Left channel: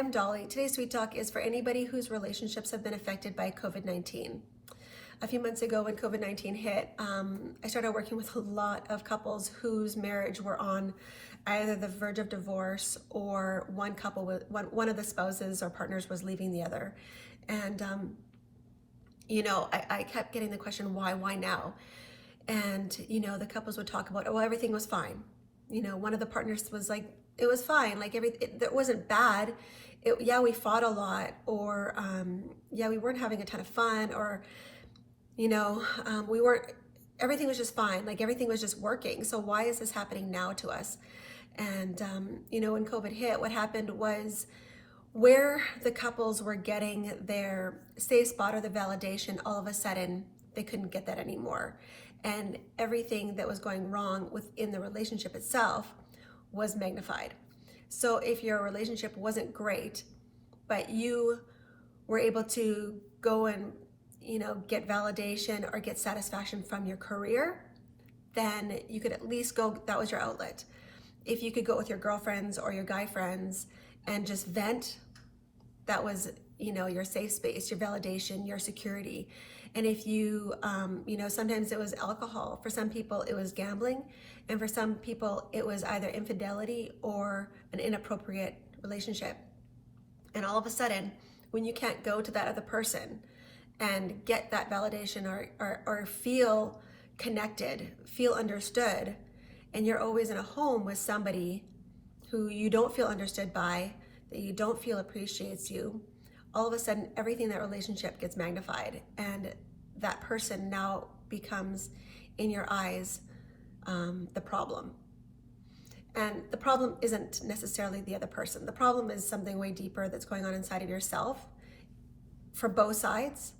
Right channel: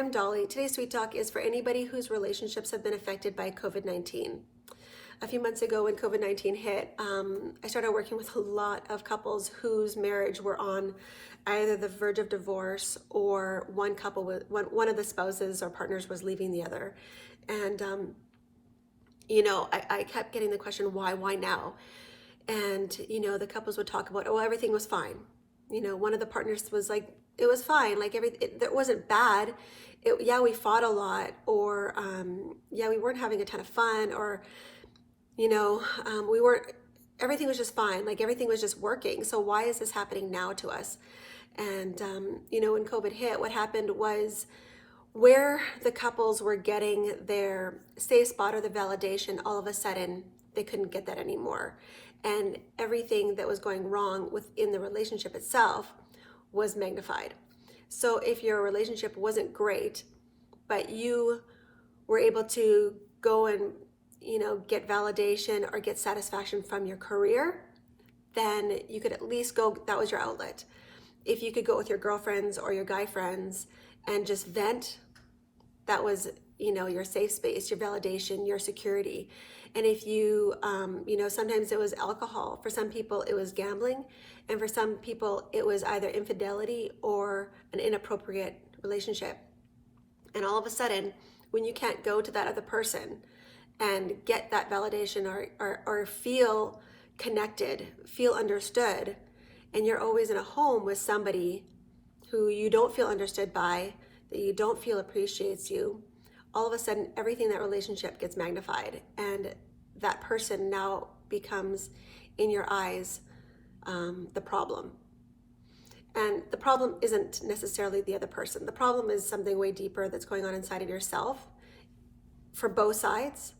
am Dolly. Today's Sweet Talk is for anybody whose relationships have been affected by COVID-19. A few months ago when COVID-19 hit, I started working with a lot of couples whose marriage were on either the verge of divorce or one of the spouses or partners was leaving the other. And, I kept getting the question, why now? And, the couples would talk about, oh, everything was fine. One of the partners was like, it was fine. Like it wasn't bad. We fought a lot, or we weren't having a ton of fun, or everything was just fine. Like everything was just working. So why is this happening now to us? And when COVID hit, what happened was where the couples were getting their safe spot or the validation, all of a sudden they couldn't get that anymore. And everything that was going wrong within the relationship itself was magnified. So if your relationship wasn't great, but you were able to go and, get validation or get satisfaction from your career, then you could at least go, that was your outlet. If you could go with your girlfriends or your guy friends and just vent, that was, your safe space, your validation, your security. And if you, sometimes it was alcohol. For some people, it was gambling. And for some people, it was either infidelity or an inappropriate relationship. And all of a sudden, when you can't go to that other person and get that validation or feel connected, feel understood, and you're always in a home with somebody who you don't feel understood by, that you don't feel appreciates you, all of a sudden, everything in that relationship gets magnified. And that person now becomes, in your eyes, the problem. And the problem isn't necessarily the other person. The problem is something way deeper that's going on inside of yourself for both sides.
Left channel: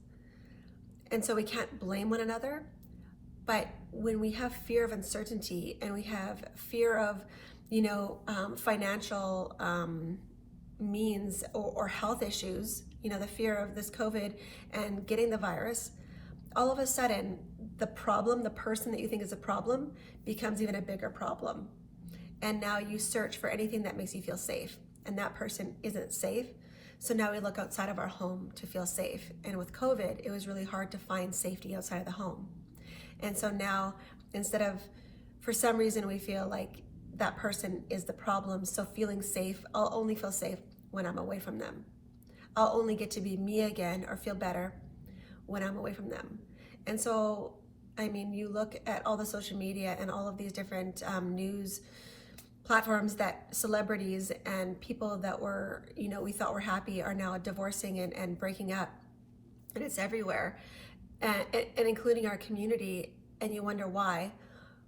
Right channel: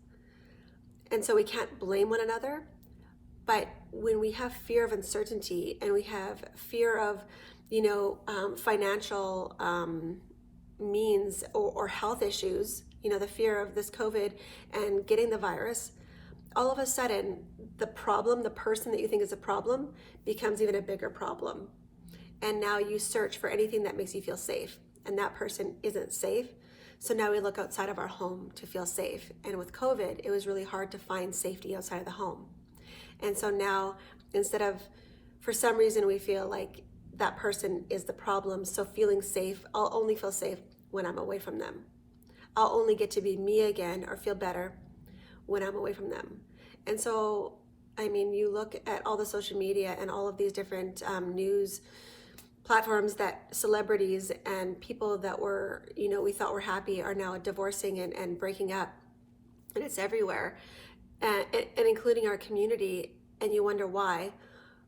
And so we can't blame one another. But when we have fear of uncertainty and we have fear of, financial means or health issues, the fear of this COVID and getting the virus, all of a sudden the problem, the person that you think is a problem, becomes even a bigger problem. And now you search for anything that makes you feel safe, and that person isn't safe. So now we look outside of our home to feel safe. And with COVID, it was really hard to find safety outside of the home. And so now, instead of, for some reason, we feel like that person is the problem, so feeling safe, I'll only feel safe when I'm away from them. I'll only get to be me again or feel better when I'm away from them. And so, you look at all the social media and all of these different news platforms that celebrities and people that were, we thought were happy are now divorcing and breaking up. And it's everywhere, and including our community. And you wonder why.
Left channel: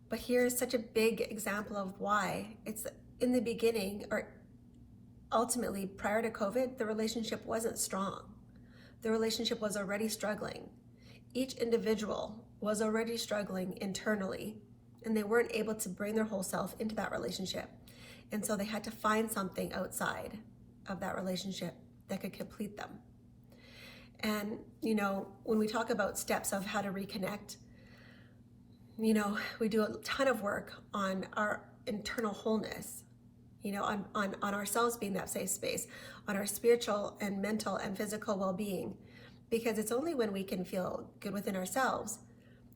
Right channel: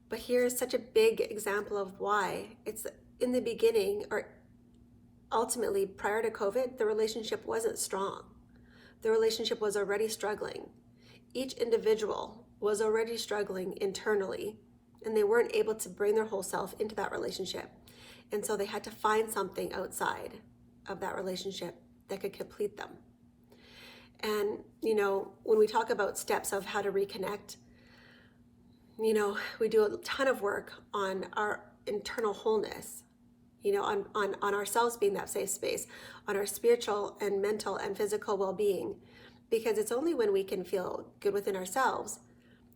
But here's such a big example of why. It's in the beginning, or ultimately prior to COVID, the relationship wasn't strong. The relationship was already struggling. Each individual was already struggling internally, and they weren't able to bring their whole self into that relationship. And so they had to find something outside of that relationship that could complete them. And, when we talk about steps of how to reconnect, we do a ton of work on our internal wholeness, on ourselves being that safe space, on our spiritual and mental and physical well-being, because it's only when we can feel good within ourselves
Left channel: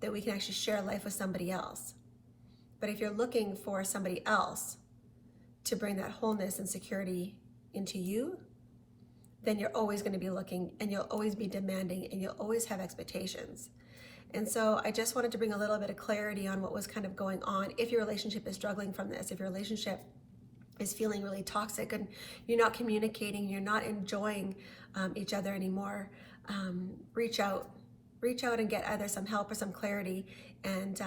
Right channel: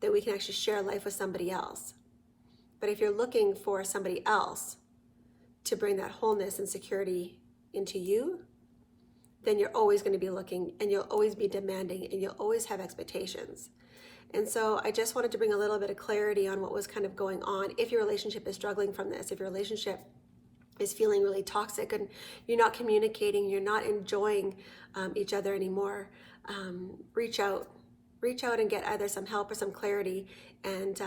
that we can actually share life with somebody else. But if you're looking for somebody else to bring that wholeness and security into you, then you're always going to be looking, and you'll always be demanding, and you'll always have expectations. And so I just wanted to bring a little bit of clarity on what was kind of going on. If your relationship is struggling from this, if your relationship is feeling really toxic and you're not communicating, you're not enjoying each other anymore, reach out and get either some help or some clarity, and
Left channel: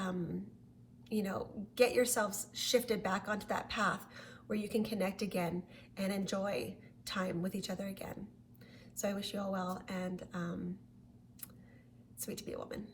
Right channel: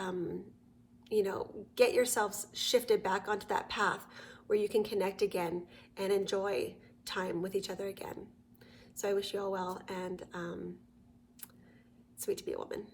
get yourselves shifted back onto that path where you can connect again and enjoy time with each other again. So I wish you all well, and sweet to be a woman.